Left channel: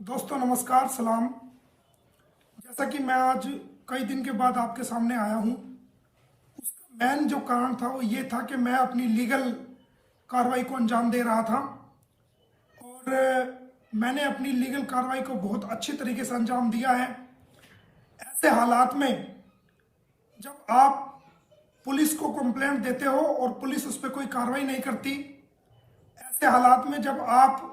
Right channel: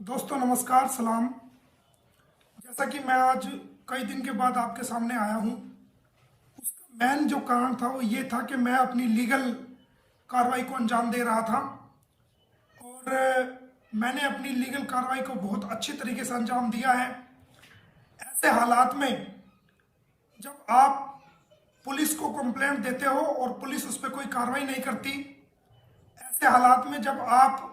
दोस्तों नमस्कार सलाम। जैसा कि मैं आज कई दिन के बाद आपके सामने आया हूं, उसका मेन जो कारण था वो ये था कि मैं अपनी लीगल कार्रवाई को अंजाम दे रहा था और मैंने अपनी लीगल कार्रवाई को बहुत अच्छी तरीके से अंजाम दिया है। ऐसे हालात में जब आप पुलिस को कंप्लेंट देते हो और पुलिस उस पर कोई कार्रवाई नहीं करती, ऐसे हालात में जब आप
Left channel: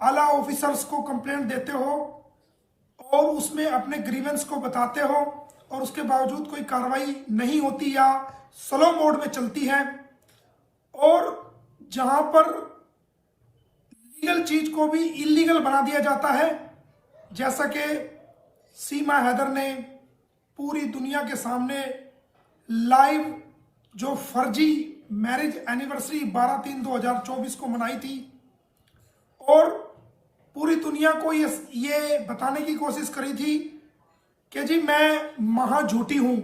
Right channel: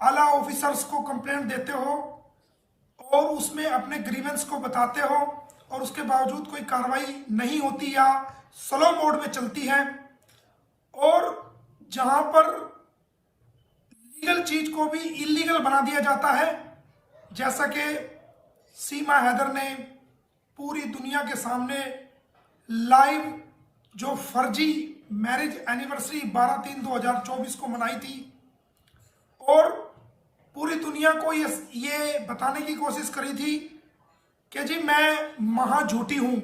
आला ऑफिसर्स को कंप्लेंट देते हो और उसमें अपने ग्रीवेंस को बताते हो और उसके बावजूद कोई कार्रवाई नहीं होती या स्लो मोड में चलती है, और जहां पर लीगल चीज को भी इलीगल बना दिया जाता है, जैसा कि सीमा हैदर ने पूरी दुनिया के सामने लाइव जो फर्जी मैरिज एनिवर्सरी 12/3/2024 को मनाई थी और पूरी दुनिया को ये बताने की कोशिश करी थी कि जी मैं महा झूठी हूं,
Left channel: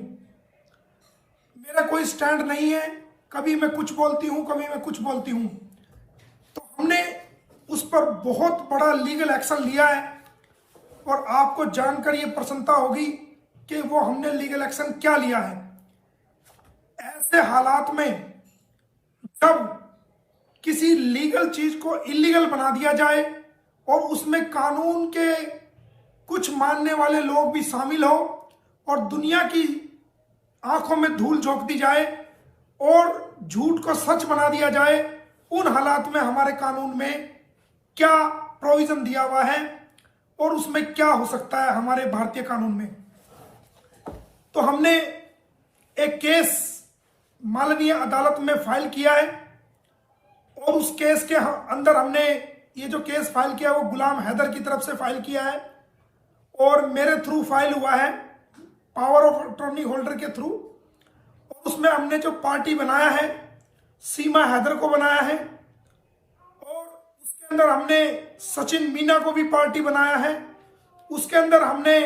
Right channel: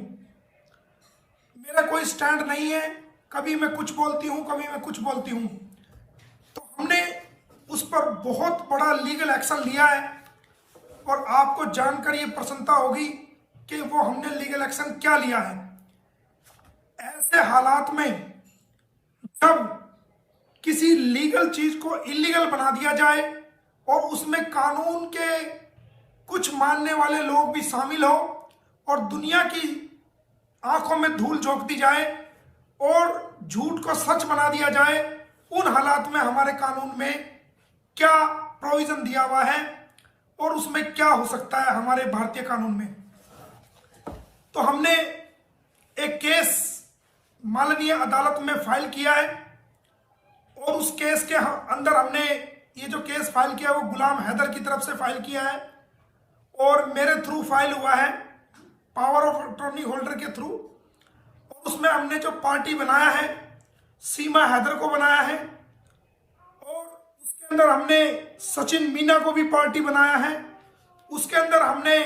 मेरा कोई स्टैंड नहीं है, कभी मैं कुछ बोलती हूं कभी मैं कुछ बोलती हूं। तो हमने उस पर बहुत बड़ा लीगल एक्शन लिया है और आपको जानकर ये प्रसन्नता होगी कि वो हमने लीगल एक्शन क्या लिया है। ऐसे हालात में जब किसी लीगल चीज को इलीगल बना दिया जाए और उसमें कानून के कुछ मानने वाले लोग भी शामिल हो और दुनिया की आंखों में धूल झोंक दी जाए और झूठ को सच बना दिया जाए, उन हालात में हमारे कानून में क्या प्रोविजन दिया हुआ है और उसमें क्या हो सकता है हमारे भारतीय कानून में। तो हमने एक केस माननीय अदालत में फाइल किया है और उस केस के अंदर हमने ये जो केस फाइल किया वो गुलाम हैदर की तरफ से फाइल किया है और मेरे थ्रू फाइल हुआ है, पावर ऑफ अटॉर्नी होल्डर के थ्रू। और उसमें हमने जो पार्टी बनाया है सीमा हैदर को बनाया है और उसके अंदर हमने सचिन मीना को भी पार्टी बनाया है। उसके अंदर हमने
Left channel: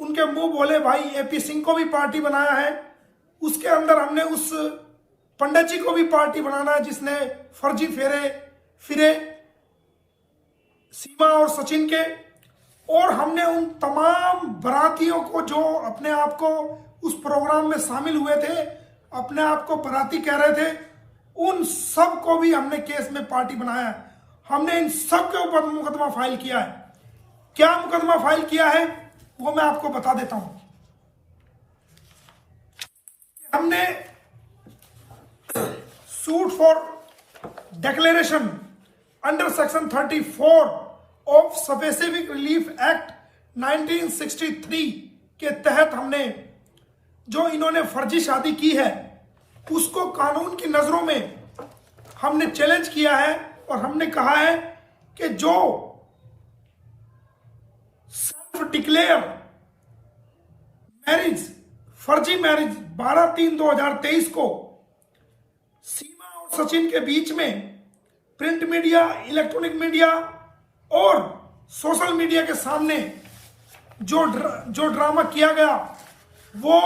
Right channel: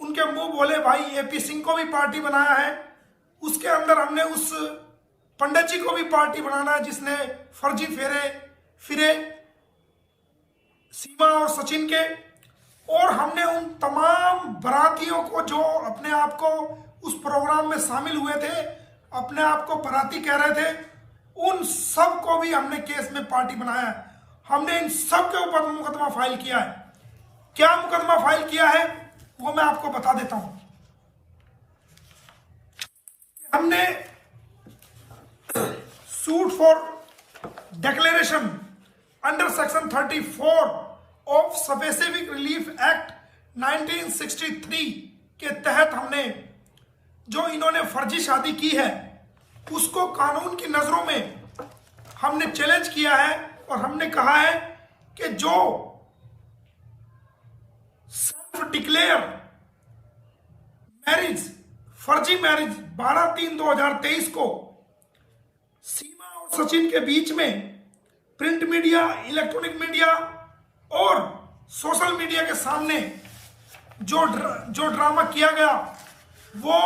उनके मुंह बोले भाई एपी सिंह को भी पार्टी बनाया है। उसके अंदर हमने उस पंडित जी को भी पार्टी बनाना है जिसने फर्जी फेरे फिरे सीमा और सचिन के, और हमने उन तमाम बारातियों को जो अपने आप को उस प्रोग्राम में शामिल हुए थे, अपने आप को बाराती कह रहे थे, उन सब को भी हमने केस में पार्टी बनाया है। हमने इन सब के ऊपर मुकदमा फाइल किया है। क्या मुकदमा फाइल किया है वो मैं आपको बता देता हूं। हमने suit for declaration under section 34 of specific relief act 1963 के तहत हमने जो इन्होंने फर्जी शादी की है उसको कानून की नजरों में हमने चैलेंज किया है और हमने कहा है कि जो सेल्फ डिक्लेयर मैरिज फर्जी मैरिज 12/3/2023 को सीमा और सचिन के बीच में प्रिंट मीडिया, इलेक्ट्रॉनिक मीडिया और सोशल मीडिया के सामने जो ड्रामा किया गया वो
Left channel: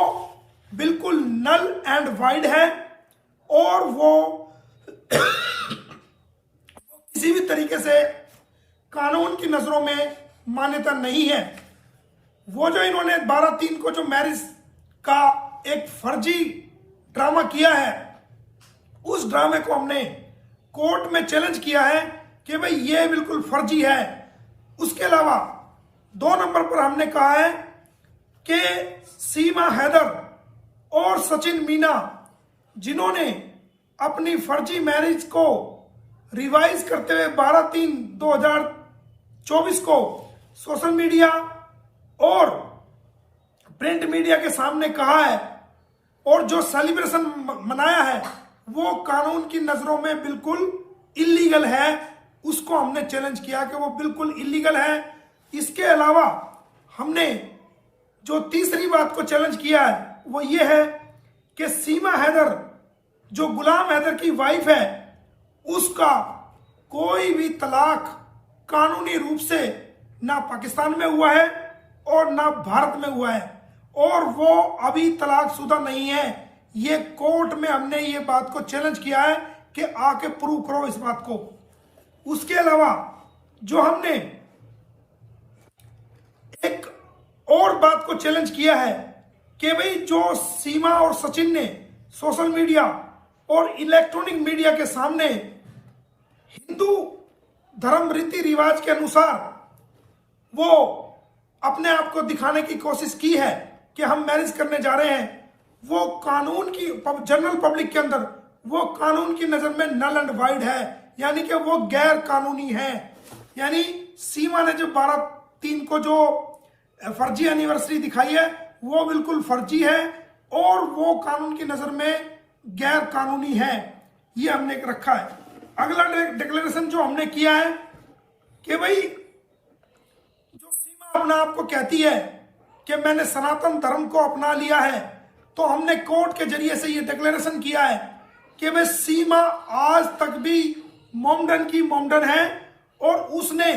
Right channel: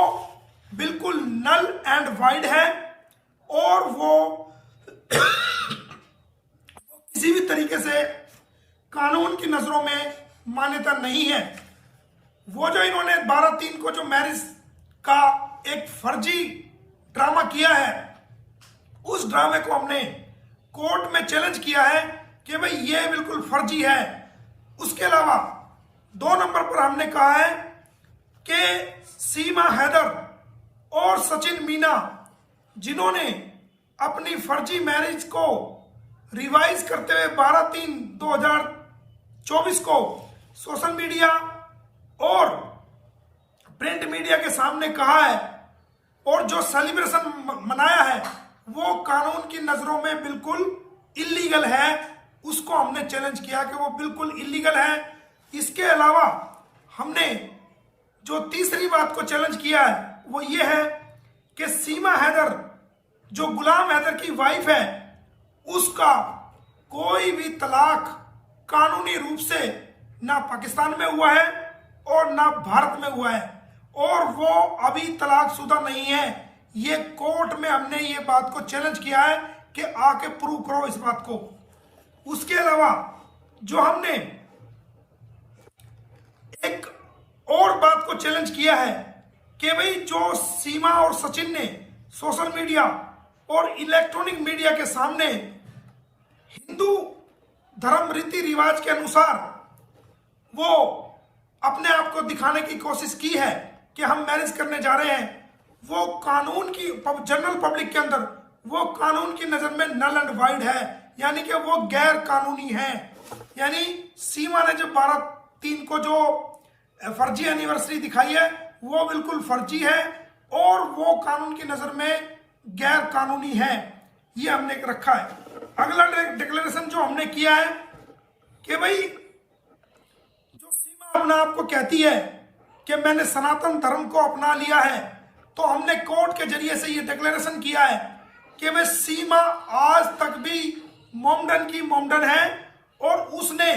बिल्कुल नल एंड वाइड है और वो किसी भी तरीके से कानून की नजरों में मान्यता नहीं है। वो जो इन्होंने 12/3 को जो मैरिज का एक फर्जी ड्रामा किया है, उस ड्रामे को हमने कोर्ट में चैलेंज किया है कि भाई ये बिल्कुल फर्जी है। उसके अलावा 2 नंबर पर हमने कहा है कि सीमा हैदर और सचिन मीना जिन्होंने अपनी फर्जी मैरिज को रिवाइज करते हुए 12/3/2024 को सोशल मीडिया और प्रिंट मीडिया के सामने कहा है और जो सेलिब्रेशन मनाया है वो कानून की नजरों में बिल्कुल इलीगल है। उसको हमने चैलेंज किया कि वो बिल्कुल इलीगल है। इसके अलावा हमने जो तीसरी बात को चैलेंज किया है वो ये है कि सीमा हैदर जो गुलाम हैदर की वाइफ है उसका कोई भी तलाक कानूनी रूप से ना पाकिस्तान में हुआ है और ना भारत में हुआ है और वो अभी तलाकशुदा नहीं है। ये कोर्ट में हमने ये बात को चैलेंज किया है कि आके प्रूव करो इस बात को। उसके अलावा जो हमने एक और बात को चैलेंज किया है कि भाई जो सीमा और सचिन ने सोशल मीडिया और इलेक्ट्रॉनिक मीडिया के सामने हिंदू धर्म रीति रिवाज के अनुसार वो अपने आप को दिखाने की कोशिश की है कि हम मैरिज करने जा रहे हैं, वो कानून की जनरल पब्लिक के अंदर वो कानून की नजर में नल एंड वाइड है, यानी कि वो गैर कानूनी है। यानी सीमा ने जो 12/3 को जो फर्जी एनिवर्सरी दिखाई है वो बिल्कुल फर्जी है और वो कानून की नजर में गैर कानूनी है, ये हमने रखा है। अगला डिक्लेरेशन जो हमने किया है कि भाई जो सीमा अपना आप को कहती है कि मैंने सनातन धर्म को अपना लिया है, तो हमने कोर्ट के जरिए से ये डिक्लेरेशन किया है कि वह सीमा आज तक भी मोमडन की मोमडन है और उसने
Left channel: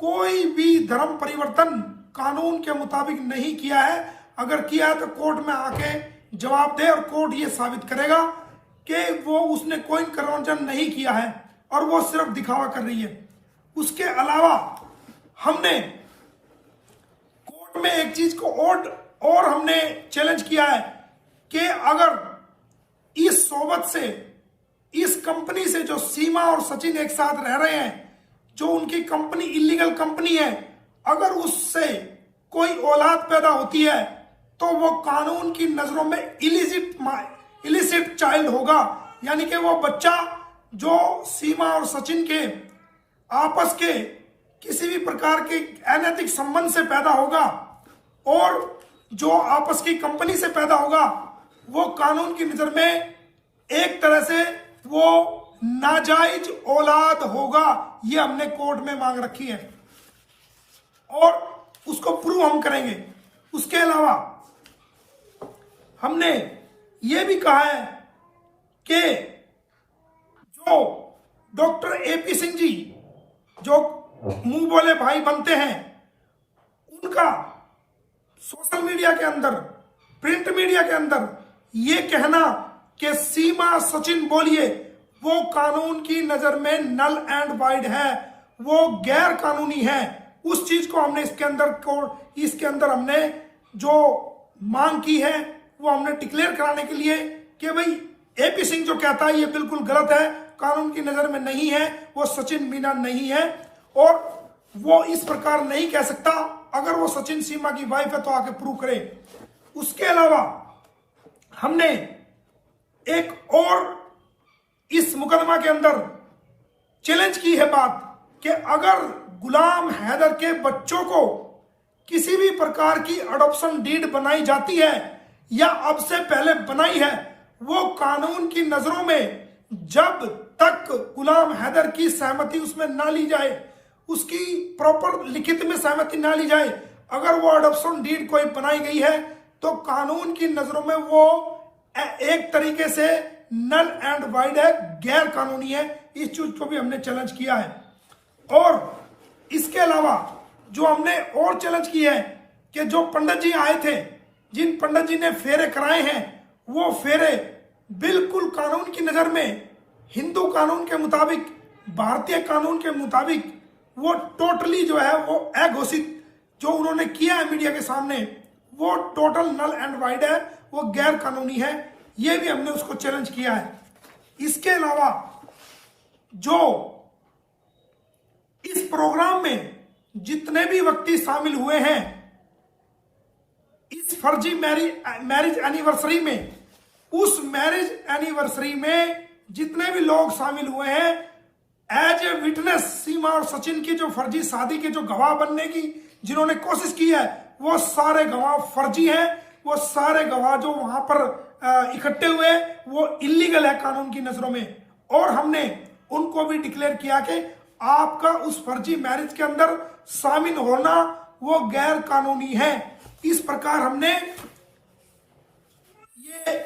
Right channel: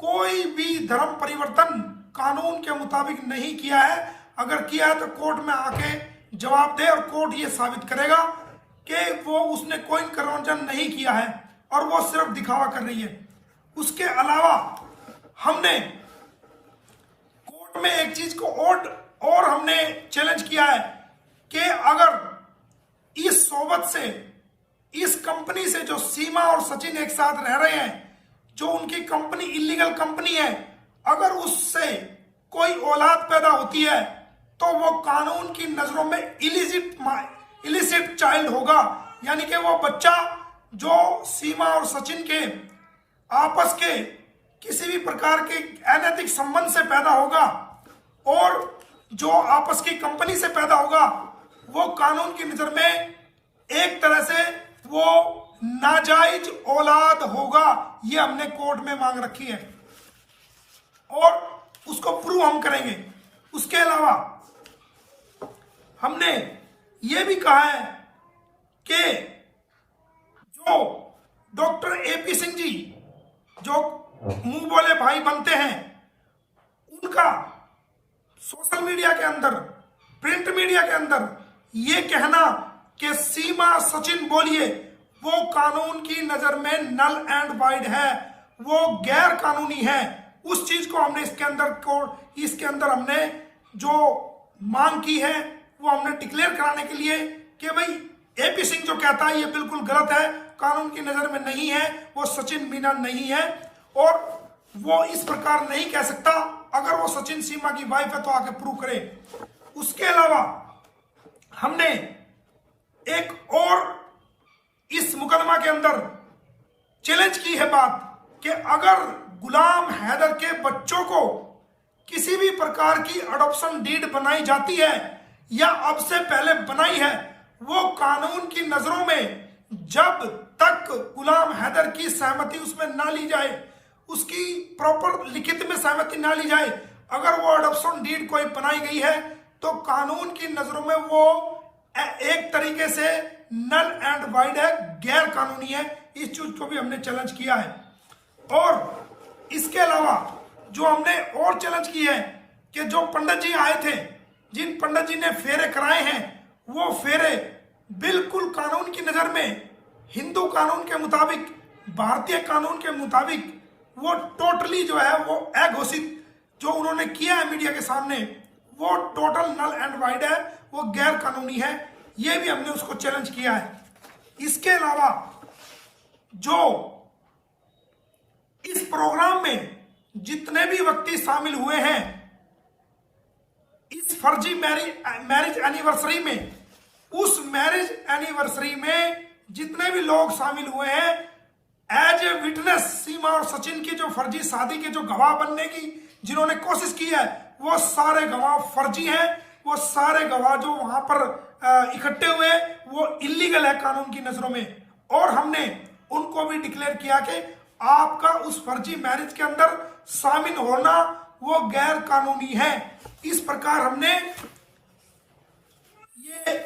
कोई भी धर्म परिवर्तन कानून के मुताबिक नहीं किया है। अगर किया है तो कोर्ट में आके जवाब दे और कोर्ट ये साबित करेगा कि वो उसने कोई कन्वर्जन नहीं किया है और वो सिर्फ दिखावा कर रही है। उसके अलावा हमने कोर्ट में एक चीज को और हमने चैलेंज किया है कि अगर इस सोबत से, इस कंपनी से जो सीमा और सचिन एक साथ रह रहे हैं, जो उनकी कंपनी इलीगल कंपनी है, अगर उससे कोई औलाद पैदा होती है तो वो कानून की नजरों में इलिसिट चाइल्ड होगा, यानी कि वो बच्चा जो सीमा और सचिन के आपस के किसी भी प्रकार के अनैतिक संबंध से पैदा होगा और जो आपस की कंपनी से पैदा होगा, वो कानून की नजर में एक तरह से वो नाजायज औलाद होगा। ये हमने कोर्ट में मांग रखी है और उसको प्रूव हम करेंगे। उसके अलावा हमने ये भी कहा है कि जो डॉक्टर एपी सिंह जी जो मुंह बोले भाई बनते हैं, उनका सोशल मीडिया के अंदर, प्रिंट मीडिया के अंदर ये कहना कि सीमा सचिन बोलिए वो कानून की नजर में नल एंड वाइड है, वो गैर कानूनी है, उस चीज को हमने इसके अंदर हमने जो मांग की है वो हमने डिक्लेयर कराने के लिए कि भाई एपी सिंह जो कहता है ये बिल्कुल गलत है, कानून की नजर में नहीं है, वो सचिन मीना नहीं है और वो इस प्रकार नहीं कह सकता। अगर वो सचिन सीमा की वाइफ है तो आके प्रूव करे। उसके अलावा हमने एक और इस मुकदमा के अंदर चैलेंज की है बात कि अगर गुलाम हैदर के बच्चों को किसी भी प्रकार की अडॉप्शन डीड बनाई जाती है या अब से पहले बनाई है, वो कानून की नजरों में जब तक गुलाम हैदर की सहमति उसमें ना ली जाए, उसकी प्रॉपर लिखित में सहमति ना ली जाए, अगर वो अडॉप्शन डीड कोई बनाई गई है तो कानून की नजरों में वो एक तरीके से नल एंड वाइड है, गैर कानूनी है। इस चीज को भी हमने चैलेंज किया है। और इसके अलावा जो हमने और चैलेंज किया है कि जो पंडित जी आए थे, जिन पंडित जी ने फेरे कराए हैं, वो फेरे बिल्कुल कानून की नजर में, हिंदू कानून के मुताबिक, भारतीय कानून के मुताबिक वो टोटली जो है वो अघोषित जो उन्होंने किया है मीडिया के सामने, वो टोटल नल एंड वाइड है, वो गैर कानूनी है। ये भी हमने उसको चैलेंज किया है। इसके अलावा जो इस प्रोग्राम में जितने भी व्यक्ति शामिल हुए हैं इस फर्जी मैरिज एनिवर्सरी में, उस मैरिज एनिवर्सरी में जितने भी लोग शामिल हुए हैं एज ए विटनेस, सीमा और सचिन की जो फर्जी शादी के जो गवाह बनने की जिन्होंने कोशिश की है, वो सारे गवाह फर्जी हैं। वो सारे गवाह जो वहां पर इकट्ठे हुए वो इलीगल है कानून की नजरों में। और हमने उनको भी डिक्लेयर किया कि आपका उस फर्जी मैरिज के अंदर शामिल होना वो गैर कानूनी है। इस प्रकार हमने ये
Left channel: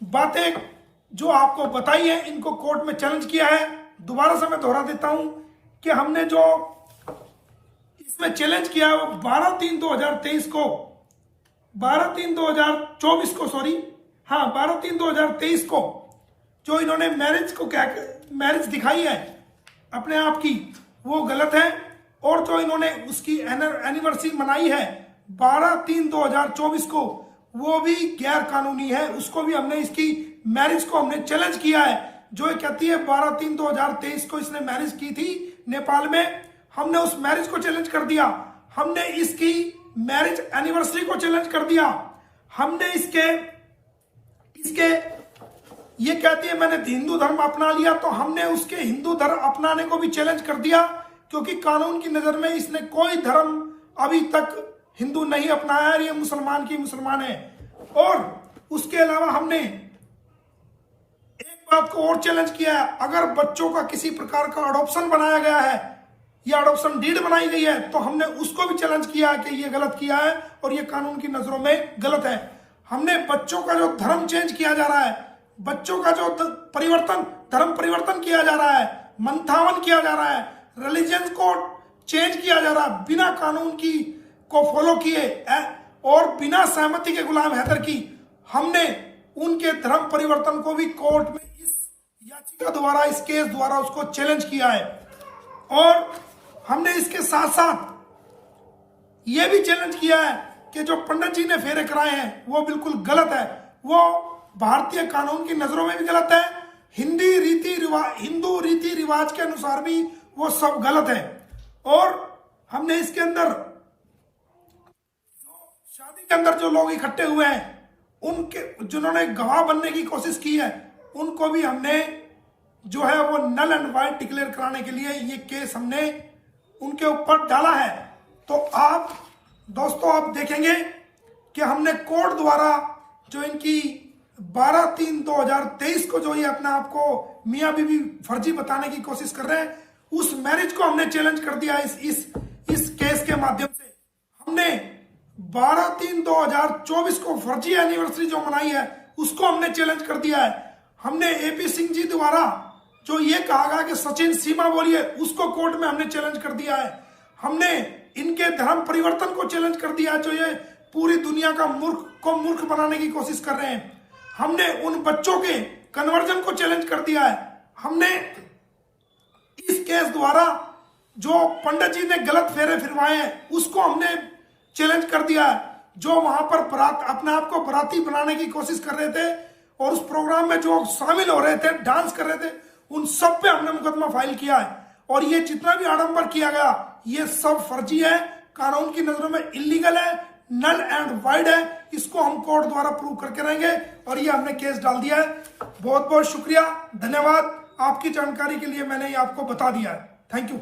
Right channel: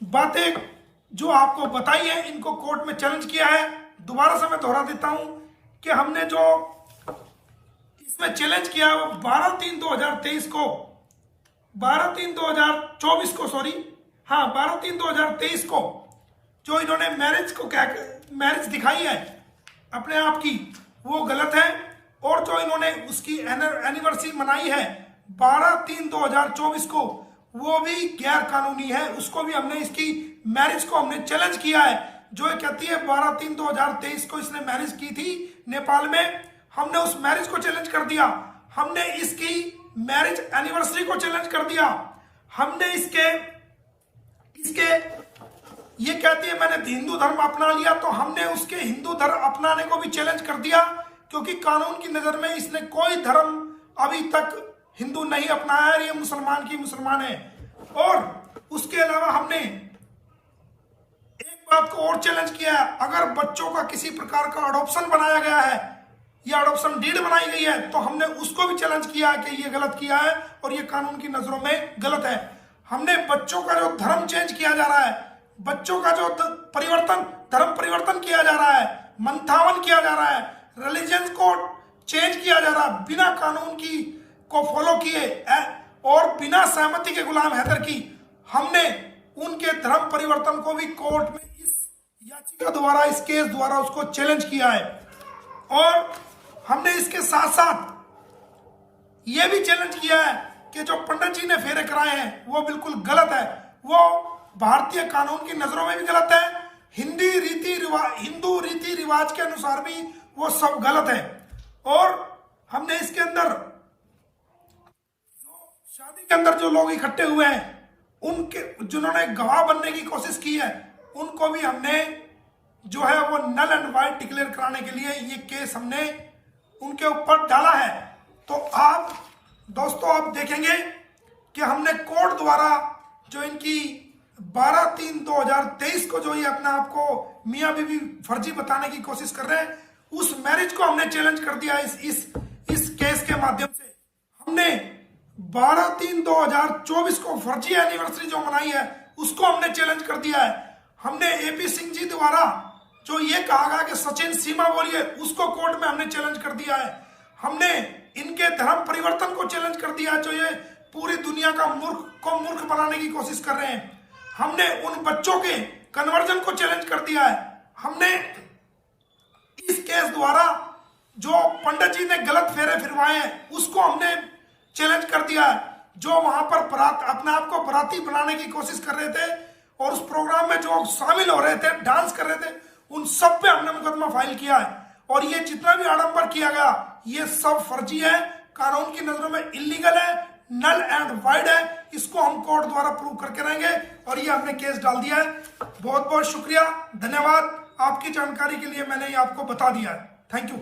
बातें जो आपको बताई है इनको कोर्ट में चैलेंज किया है। दोबारा से मैं दोहरा देता हूं कि हमने जो इसमें चैलेंज किया है वो 12/3/2023 को, 12/3/2024 को, सॉरी, हाँ 12/3/2023 को जो इन्होंने मैरिज को मैरिज दिखाई है अपने आप की, वो गलत है। और जो जो इन्होंने उसकी एनिवर्सरी मनाई है 12/3/2024 को, वो भी गैर कानूनी है। उसको भी हमने, इसकी मैरिज को हमने चैलेंज किया है। जो ये कहती है 12/3/2023 को इसने मैरिज की थी नेपाल में, हमने उस मैरिज को चैलेंज कर दिया। हमने इसकी मैरिज एनिवर्सरी को चैलेंज कर दिया। हमने इसके ये कहती है मैंने हिंदू धर्म अपना लिया, तो हमने उसके हिंदू धर्म अपनाने को भी चैलेंज कर दिया, क्योंकि कानून की नजर में इसने कोई धर्म अभी तक हिंदू नहीं अपनाया है। ये मुसलमान की मुसलमान है। और उसके अलावा हमने एक बात को और चैलेंज किया है, अगर बच्चों का किसी प्रकार का अडॉप्शन बनाया गया है या अडॉप्शन डीड बनाई गई है, तो हमने उसको भी चैलेंज किया है कि ये गलत किया है और ये कानून की नजरों में गलत है। हमने बच्चों का जो धर्म चेंज किया जा रहा है, बच्चों का जो धर्म परिवर्तन किया जा रहा है, मंथावन किया जा रहा है, रिलीजन को चेंज किया जा रहा है बिना कानून की को फॉलो किए और बिना सहमति के गुलाम हैदर की, हमने उनके धर्म परिवर्तन को भी कोर्ट में इस याचिका द्वारा, इस केस द्वारा उसको चैलेंज किया है। और हमने इसके साथ साथ ये भी चैलेंज किया है कि जो पंडित जी ने फेरे कराए हैं वो बिल्कुल गलत है, वो भारतीय कानून की नजरों में भी गलत है, हिंदू रीति रिवाज के अनुसार भी वो सब गलत है। और हमने इसके अंदर शादी के अंदर जो लोग इकट्ठे हुए हैं, उनके जिन्होंने गवाह बनने की कोशिश की है, उनको भी हमने जो है वो नल एंड वाइड डिक्लेयर कराने के लिए ये केस हमने उनके ऊपर डाला है। तो आप दोस्तों आप देखेंगे कि हमने कोर्ट द्वारा जो इनकी 12/3/2023 को जो ये अपने आप को मियां बीवी फर्जी बताने की कोशिश कर रहे हैं, उस मैरिज को हमने चैलेंज कर दिया है। इस केस के माध्यम से हमने 12/3/2024 को फर्जी एनिवर्सरी जो मनाई है उसको हमने चैलेंज कर दिया है। हमने एपी सिंह जी द्वारा जो ये कहा गया कि सचिन सीमा बोलिए, उसको कोर्ट में हमने चैलेंज कर दिया है। हमने इनके धर्म परिवर्तन को चैलेंज कर दिया है, जो ये पूरी दुनिया का मूर्ख बनाने की कोशिश कर रहे हैं। हमने उन बच्चों के कन्वर्जन को चैलेंज कर दिया है। हमने इस केस द्वारा जो पंडित जी ने गलत फेरे फिरवाए हैं उसको हमने चैलेंज कर दिया है। जो वहां पर अपने आप को बराती बनाने की कोशिश कर रहे थे और उस प्रोग्राम में जो शामिल हो रहे थे, डांस कर रहे थे, उन सब पे हमने मुकदमा फाइल किया है। और ये जितना भी आडंबर किया गया ये सब फर्जी है, कानून की नजरों में इलीगल है, नल एंड वाइड है। इसको हम कोर्ट द्वारा प्रूव करके रहेंगे और ये हमने केस डाल दिया है। बहुत बहुत शुक्रिया, धन्यवाद। आपकी जानकारी के लिए मैंने ये आपको बता दिया है। Thank you.